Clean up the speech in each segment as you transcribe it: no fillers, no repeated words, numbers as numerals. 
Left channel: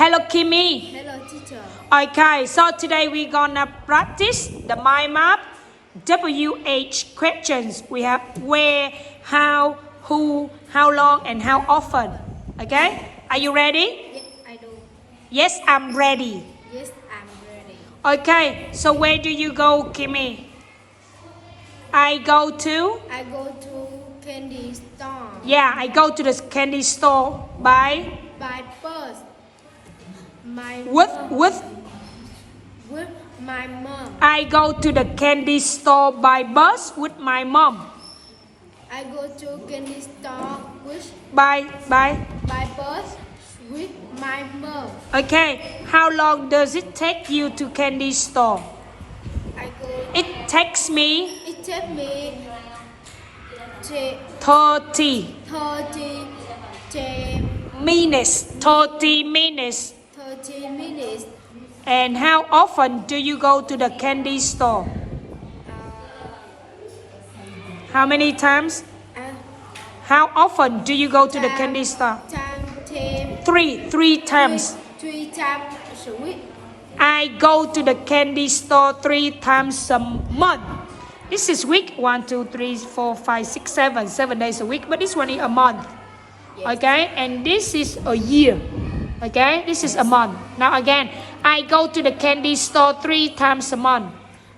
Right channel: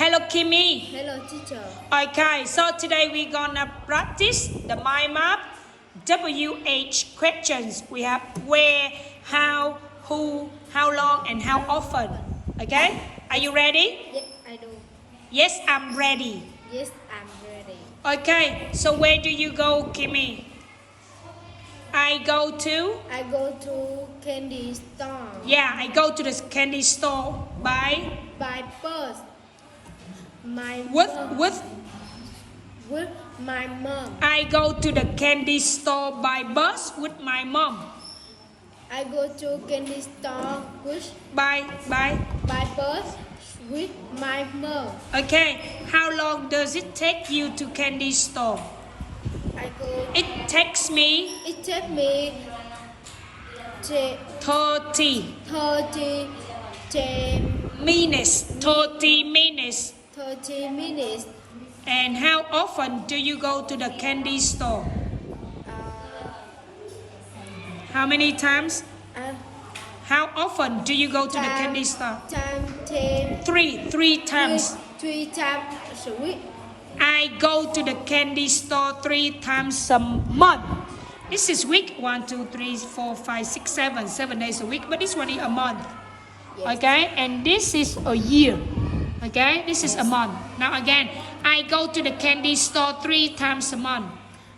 Hello, Kimmy. Hello, teacher. Okay, so today we're gonna practice the mind map WH questions. We have where, how, who, how long, and how often. Okay, are you ready? Yes, I do. Yes, I'm ready. Yes, I'm ready. Okay, so where do you go, Kimmy? I go to Candy store. Yeah, I go to the candy store by bus. with With my mom. I go to the candy store by bus with my mom. I go to candy store By by bus with my mom. Okay, how long does it take you to candy store? It takes me It takes me 30 minutes. 30 minutes. 30 minutes. And how often do you go to the candy store? How many times? How often do you go to the candy store? Three times. Three times a week. I go to the candy store 3 times a month. This is week 1, 2, 3, 4, 5, 6, 7 days a week, but this one is a month. Yes. Okay, and this is a year. Okay, this is a month. Now again, I go to the candy store 3 times a month.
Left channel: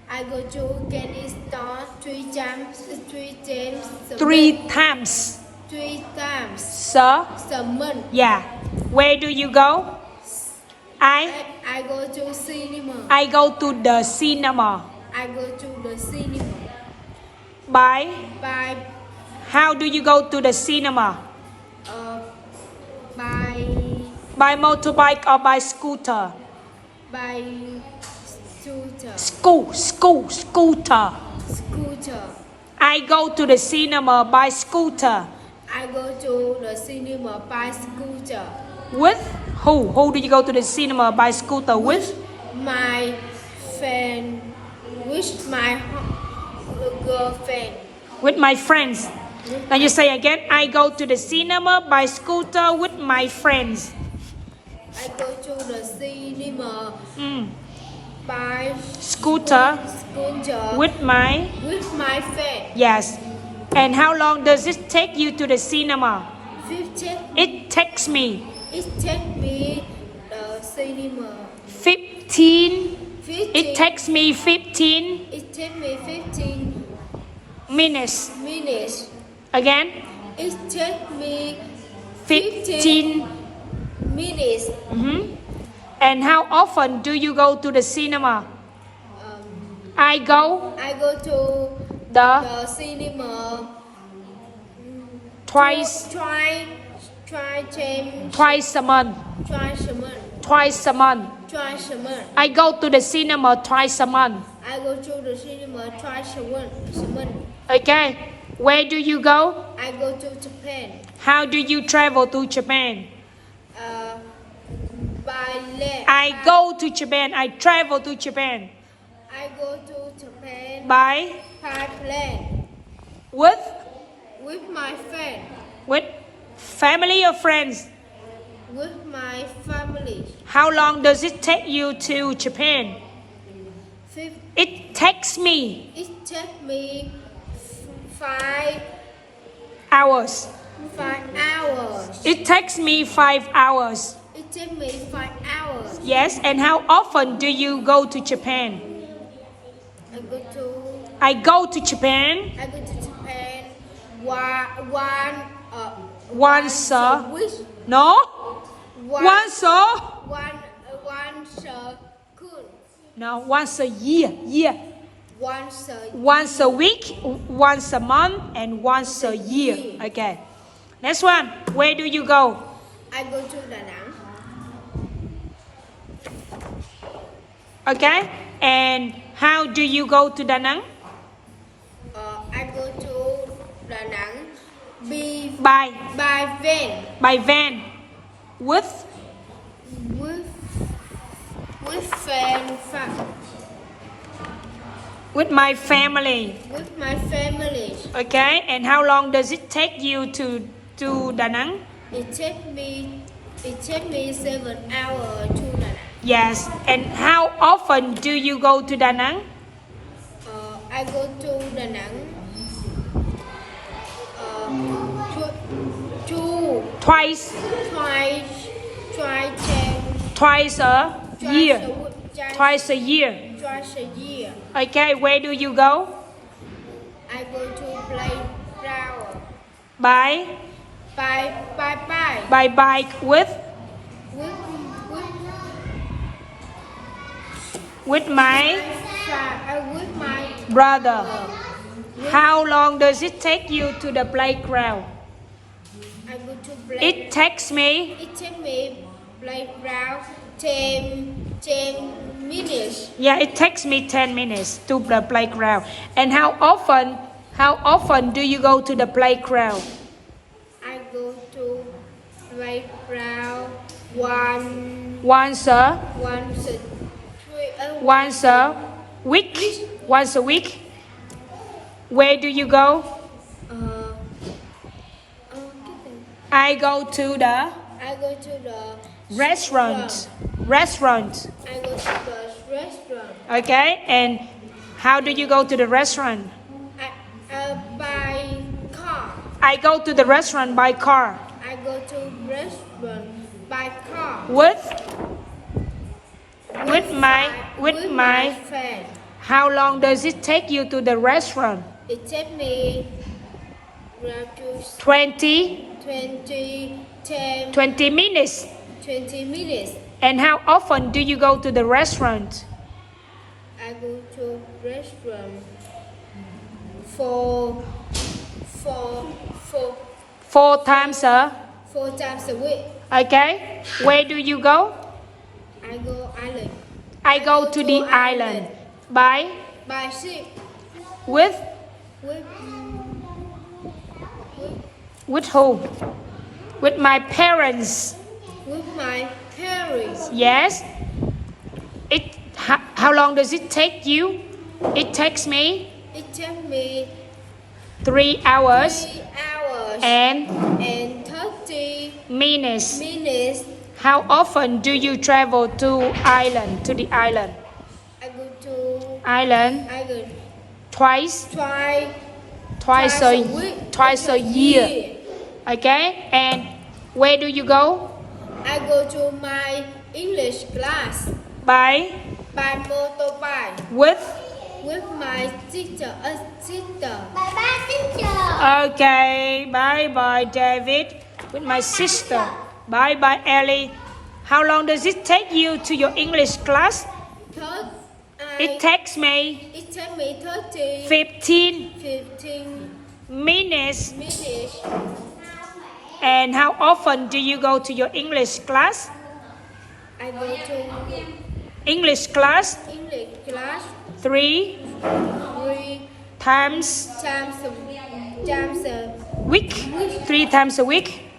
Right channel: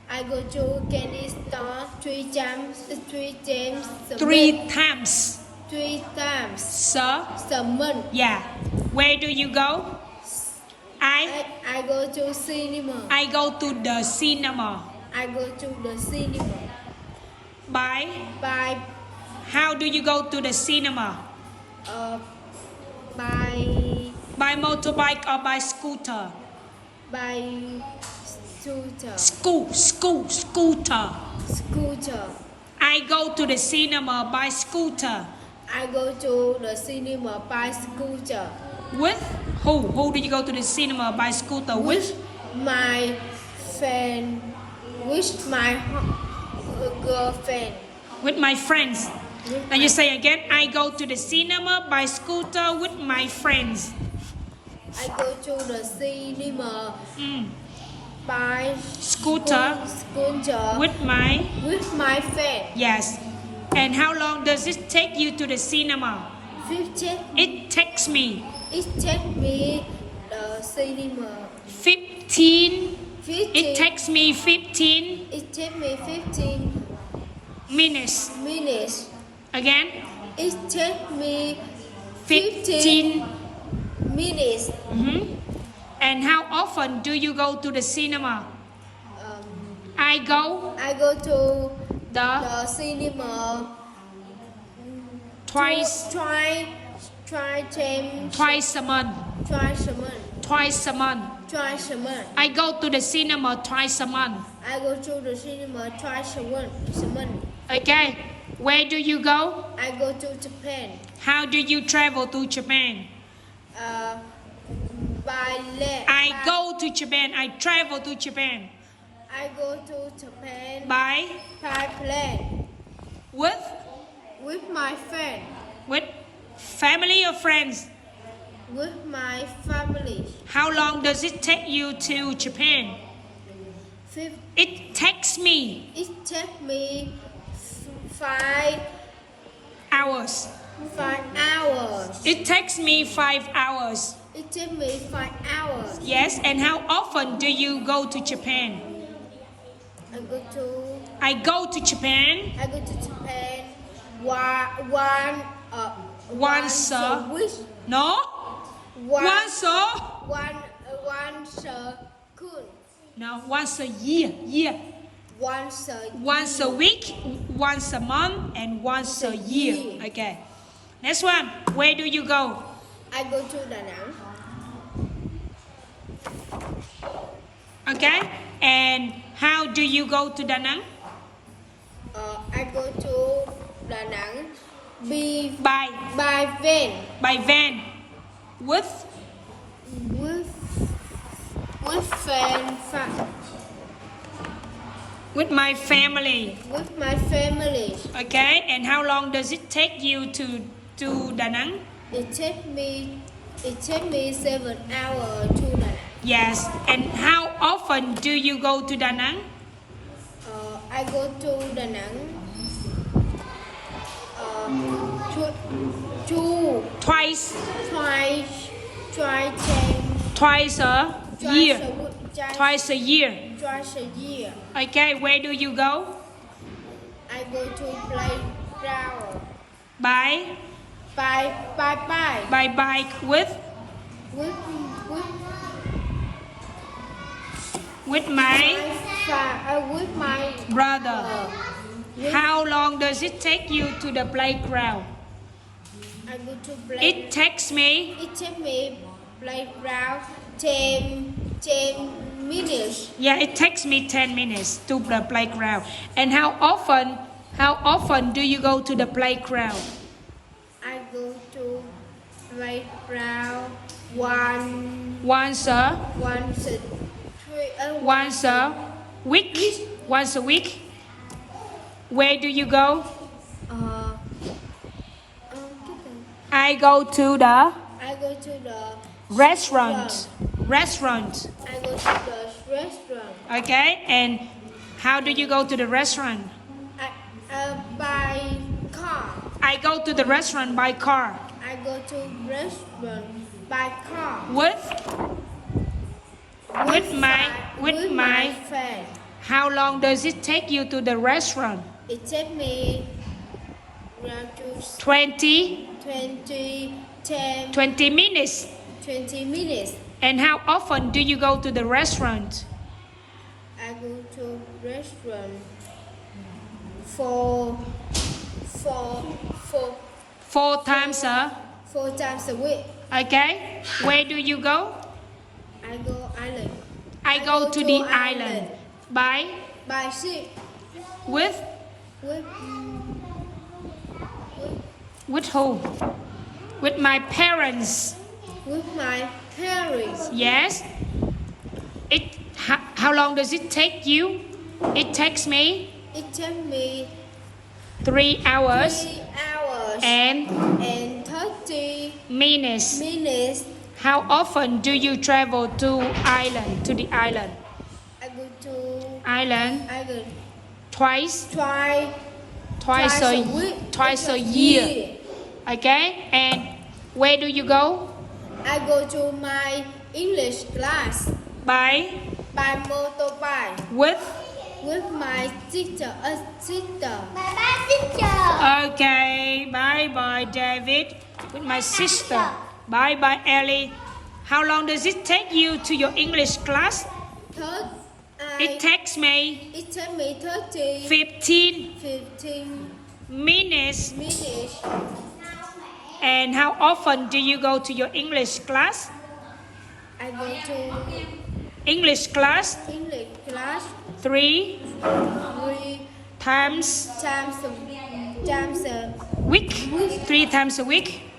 I go to candy store 3 times. 3 times. 3 times. So, A month. yeah. Where do you go? I go to cinema. I go to the cinema. I go to the cinema. By By how do you go to the cinema? By motorbike or by scooter? By scooter. Scooter. Scooter. I go to the cinema by scooter. I go to the cinema by scooter. With who? Who do you go to the cinema by scooter with? My friend. With my girlfriend. With my friends. Now you say again, I go to the cinema by scooter with my friends. I go to the cinema by Scooter with my friend. Yes. And how long does it take you to the cinema? 15. It takes me It takes me the cinema. 15. 15. It takes me 15 It takes me 15 minutes. minutes. Again, It takes me 15 minutes. And how often do you go to the cinema? I go I go to the the cinema twice twice a month. twice a month. Twice a month. Twice a month. I go to the cinema twice a month. I go to the cinema twice a month. Okay. Where do you go? I go to Japan. How do you travel to Japan? By land. I go to Japan. I travel to Japan. I go to Japan By plane with my friend. with family or friends? With my family. How long does it take you to Japan? It takes me It takes me 5 hours. hours. It takes me 5 hours. It takes me 5 hours. Yes, and how often do you go to Japan? I go to Japan once a week. no One- once a Once a cool. no once a year once a week, once a month, and once a year. Okay, next one. Where do you go? I go to Da Nang. Okay, and how do you go to Da Nang? I go to Da Nang By van. with friend. with my family. With my family. Okay, and how long does it take you to Da Nang? It takes me It takes me 7 hours to Da Nang. Yes. And how often do you go to Da Nang? I go to Da Nang Twice. Twice A year. Twice a year. Twice a year. Okay. Where do you go? I go to playground By by bike with with my with my brother. How long does it take you to the playground? I go to play. It takes me It takes me playground 10 minutes. Yeah, it takes me 10 minutes to the playground. And how often do you go to the playground? I go to playground Once a week. Week. Once a week. Where do you go? I go to the restaurant. I go to the restaurant. Okay, and how do you go to the restaurant? By car. I go to the restaurant by car. I go to restaurant by car. With my friend. How long does it take you to the restaurant? It takes me around 20 minutes. 20 minutes. And how often do you go to the restaurant? I go to restaurant Four times 4 times a week. Okay. Where do you go? I go island. I go to the island. By ship. with who? With my parents. With my parents. Yes. How long does it take you? It takes me It takes me 3 hours 3 hours and 30 minutes. minutes. How often do you travel to the island? I go to Island twice a year. Okay. And where do you go? I go to my English class By motorbike with my sister. Okay. Bye David. With my sister. Bye Ellie. How long does it take you to your English class? It takes me 15 minutes. And how often do you go to your English class? I go to English class English class 3 times times a week. 3 times a week.